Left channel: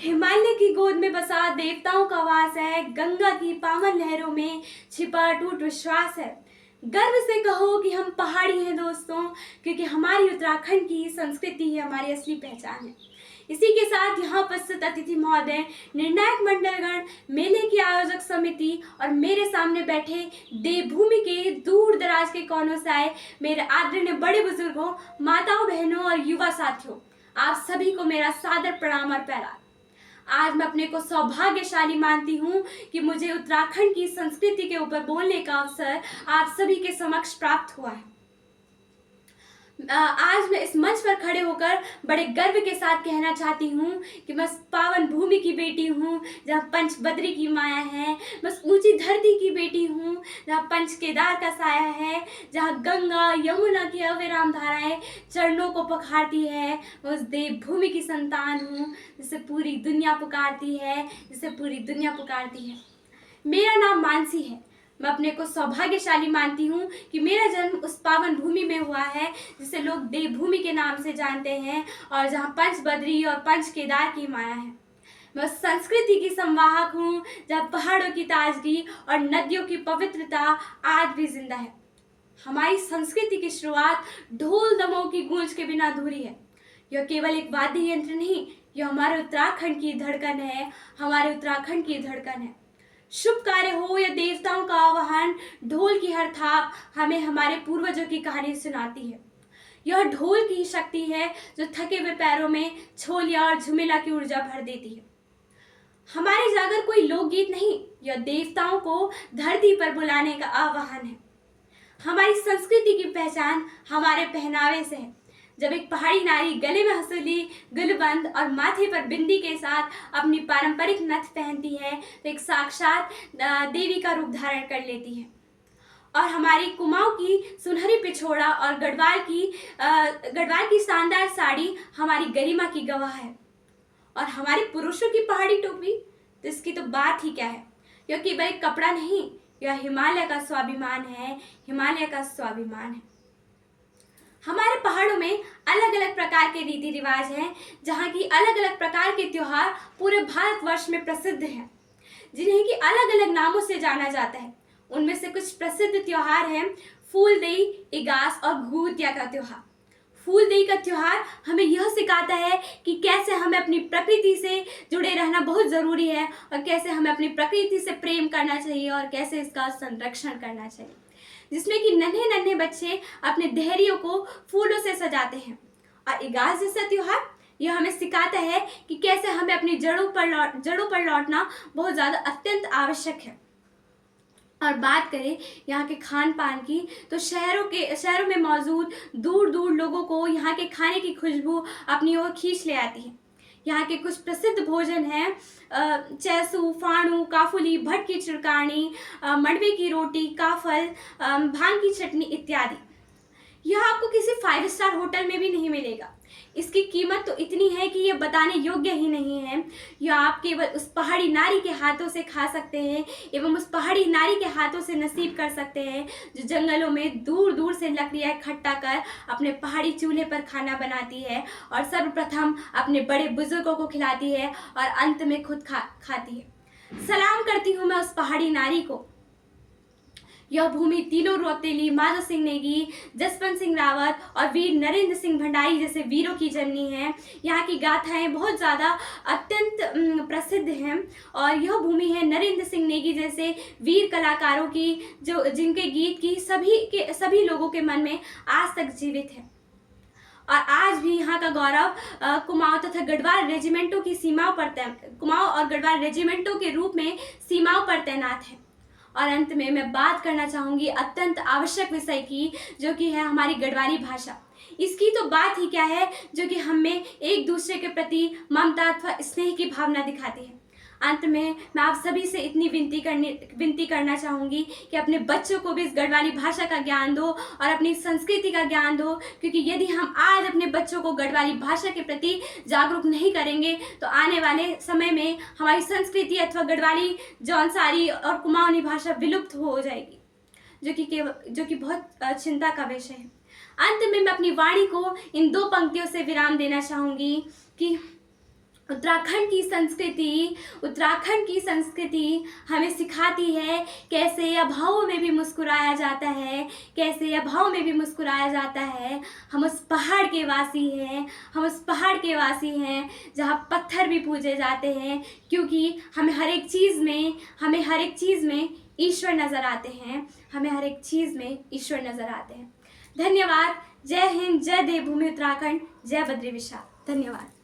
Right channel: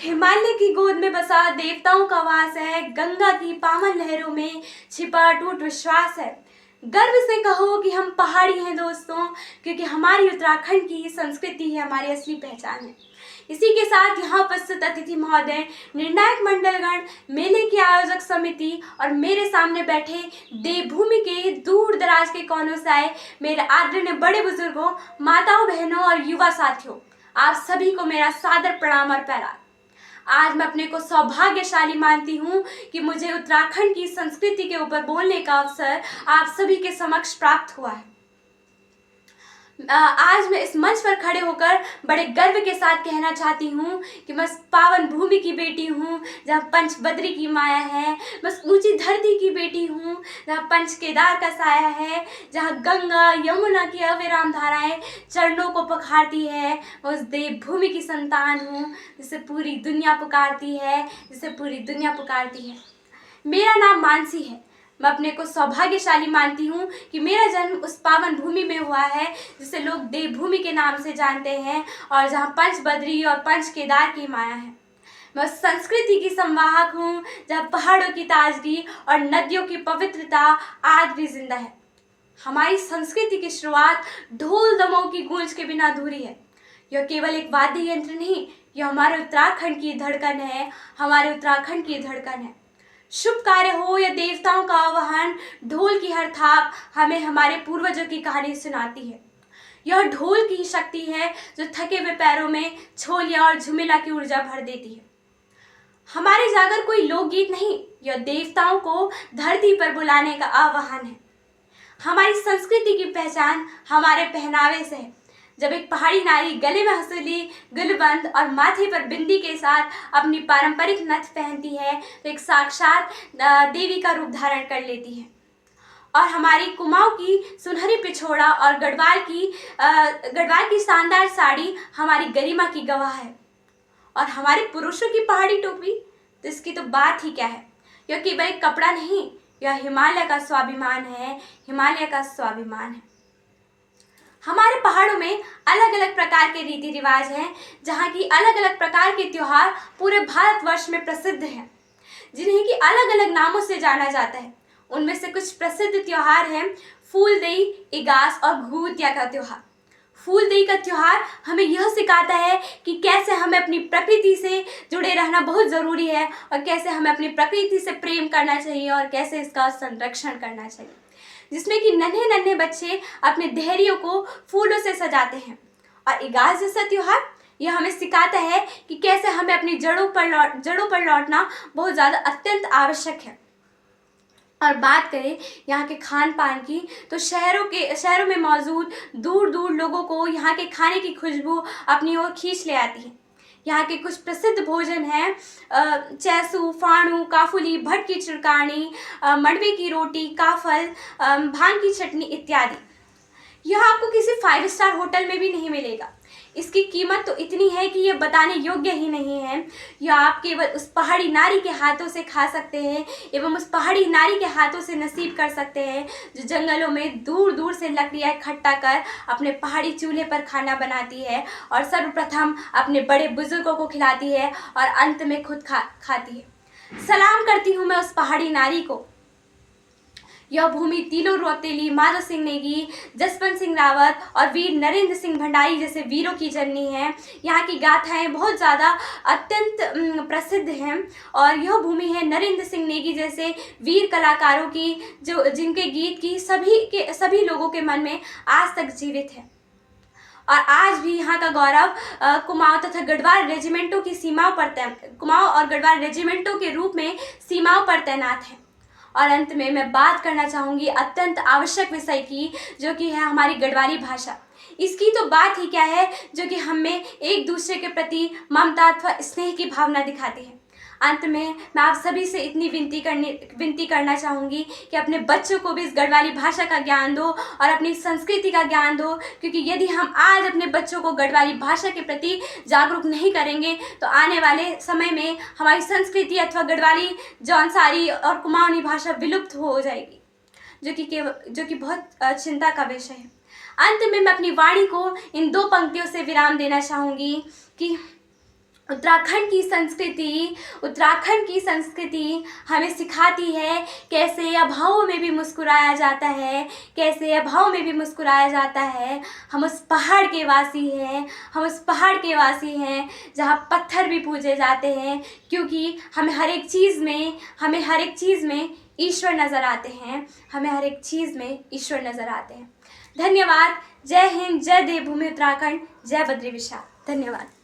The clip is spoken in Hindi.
हिमालय की गोद में बसा देवताओं का वास है। गंगा की पावन लहरों में छिपा अटूट विश्वास है। गर्व से कहो कि हम पहाड़ी हैं दोस्तों, क्योंकि हमारी उत्तराखंड की संस्कृति ही हमारी असली पहचान है। इसी के साथ यहाँ उपस्थित अतिथि महोदय, निर्णायक मंडलगण, मेले की आयोजक समिति और मेरे सामने बैठे देवभूमि के दूर दराज के कोनों से आए मेरे आदरणीय बड़े बुजुर्गों, माताओं, बहनों और युवा साथियों, आप सभी को मेरा सादर प्रणाम और प्यार। आज मैं अपने को सौभाग्यशाली मानती हूँ कि मुझे उत्तराखंड की संस्कृति के ऊपर बोलने का अवसर आप सभी के समक्ष प्राप्त हुआ है। आज मैं इस मंच पर खड़े होकर बड़े गर्व के साथ कहना चाहती हूँ कि मैं पावन भूमि की बेटी हूँ जहाँ पंच बद्री की माया है। बस ऊंची धरती की बेटी हूँ जहाँ पंच केदार का साया है, जहाँ गंगा यमुना की अविराम धाराएं चरणों को पखारती है। मैं उस देवभूमि की संतान हूँ जिसे पूरी दुनिया पुकारती है, मेरा नाम मानसी है। मैं अपने को सौभाग्यशाली मानती हूँ कि मेरा जन्म उस पावन भूमि में हुआ है जिसे लोग देवभूमि के नाम से जानते हैं और जहाँ पंच बद्री और पंच केदार की माया है। मैं उस संस्कृति की संवाहक हूँ जहाँ पहाड़ों की ताजगी और नदियों की पवित्रता आज भी जिंदा है। हमारी संस्कृति की शुरुआत ढोल दमों की गूंज के बिना अधूरी है। यह केवल एक वाद्य यंत्र नहीं, यह हमारे उत्तराखंड की धड़कन है। शुभ कार्य हो या देवताओं का आह्वान, ढोल की हर थाप हमें हमारे पूर्वजों की कहानी सुनाती है। यह ढोल की शक्ति है जो थके हुए पैरों में छोलिया और झुमेला की ऊर्जा भर देती है। हमारी जागर कोई लोकगीत नहीं, यह देवताओं को धरती पर बुलाने का आह्वान है। हमारी संस्कृति की पहचान हमारे पहनावे से है। जब एक पहाड़ी नारी गले में हंसुली, गुलबंद और माथे पर बिंदी के साथ अपनी पारंपरिक नथ पहनती है तो एक साक्षात देवी का रूप धारण कर लेती है। और हमारी कुमाऊं की सुनहरी पिछोड़ा और गढ़वाल की शानदार साड़ी हमारी गरिमा की गवाह है। और हमारे पुरुषों की पहाड़ी टोपी, तो इसकी तो बात ही क्या है। यह केवल एक कपड़ा नहीं, यह हिमालय का स्वाभिमान है। हमारे पहाड़ों में अलग अलग प्रकार के रीति रिवाज हैं, जहाँ की अलग अलग प्रकार के त्योहार पूरे भारतवर्ष में प्रसिद्ध हैं, जिन्हें की अलग अलग नामों से जाना जाता है। उनमें से कुछ प्रसिद्ध त्योहार हैं फूलदेई, इगास और घुघुतिया का त्योहार। फूलदेई का त्योहार हमें यह सिखाता है कि कैसे हमें अपनी प्रकृति से जुड़े रहना बहुत ज़रूरी है और कैसे हमें अपनी प्रकृति से प्रेम करना चाहिए और कैसे इसका संरक्षण करना चाहिए, जिसमें कि नन्हे नन्हे बच्चे अपने देहरियों को फूलों से सजाते हैं। और इगास जैसा त्योहार यह हमें सिखाता है कि कैसे हमें अपनी जड़ों पर लौटना बहुत ज़्यादा अत्यंत आवश्यक है। और बात करें यहाँ के खान पान की, तो शहरों में मौजूद दूर दूर लोगों को यहाँ के खाने की खुशबू अपनी ओर खींच ले आती है। यहाँ के कुछ प्रसिद्ध भोजन हैं चैसू, फाणू, काफुली, भट की चिड़कानी, मड़वे की रोटी, काफल, भांग की चटनी इत्यादि। यह आपको किसी 5 स्टार होटल में भी नहीं मिलेगा। इसकी कीमत तो इतनी है कि यह बताने योग्य ही नहीं है। यह आप केवल उस पहाड़ी नारी के हाथों से खा सकते हैं एवं उस पहाड़ी नारी के हाथों से नसीब कर सकते हैं जो जंगलों में दूर दूर से लकड़ियाँ इकट्ठा कर अपने पहाड़ी चूल्हे पर खाना बनाती है और सर्वप्रथम अपने बड़े बुजुर्गों को खिलाती है और अंत में खुद खाती है। सलाम करती हूँ मैं उस पहाड़ी नारी को। यह भूमि तीनों रौतेली, माधो सिंह नेगी, जसवंत सिंह रावत और वीर नरेंद्र सिंह भंडारी जैसे वीरों की जननी है। यहाँ की गाथाएं बहुत ज़्यादा अत्यंत प्रसिद्ध हैं और यह भूमि है नरेंद्र सिंह नेगी जैसे वीर कलाकारों की, जो जिनके गीत की सभी लोगों के मन में आज तक जीवित है। और आज भी यहाँ का गौरव कुमाऊं तथा गढ़वाल रेजिमेंटों के रूप में सीमाओं पर तैनात है। और अंत में मैं बात करना चाहूँगी अत्यंत आवश्यक विषय की, जो कि है हमारी गढ़वाली भाषा। इसकी तो बात ही क्या है, जो कि हमें एक दूसरे के प्रति ममता अथवा स्नेह की भावना दिखाती है। अंत में मैं आप सभी से इतनी विनती करना चाहूँगी कि अपने बच्चों को भी इस गढ़वाली भाषा का ज्ञान दो और अपनी संस्कृति का ज्ञान दो, क्योंकि यदि हम आज अपने बच्चों को गढ़वाली भाषा के प्रति जागरूक नहीं करेंगे तो आने वाले समय में हमारी संस्कृति अथवा गढ़वाली, जौनसारी और कुमाऊनी भाषा विलुप्त हो जाएगी, जो कि बहुत चिंता का विषय है। अंत में मैं अपनी वाणी को इन 2 पंक्तियों से विराम देना चाहूँगी कि उत्तराखंड की संस्कृति हमें सिखाती है कैसे अभावों में भी मुस्कुराया जाता है, कैसे अभाव में भी मुस्कुराया जाता है। हम उस पहाड़ के वासी हैं जहाँ पत्थर भी पूजे जाते हैं, क्योंकि हमें हर एक चीज़ में ईश्वर नज़र आते हैं। धन्यवाद। जय हिंद, जय देवभूमि उत्तराखंड, जय बद्री विशाल। धन्यवाद।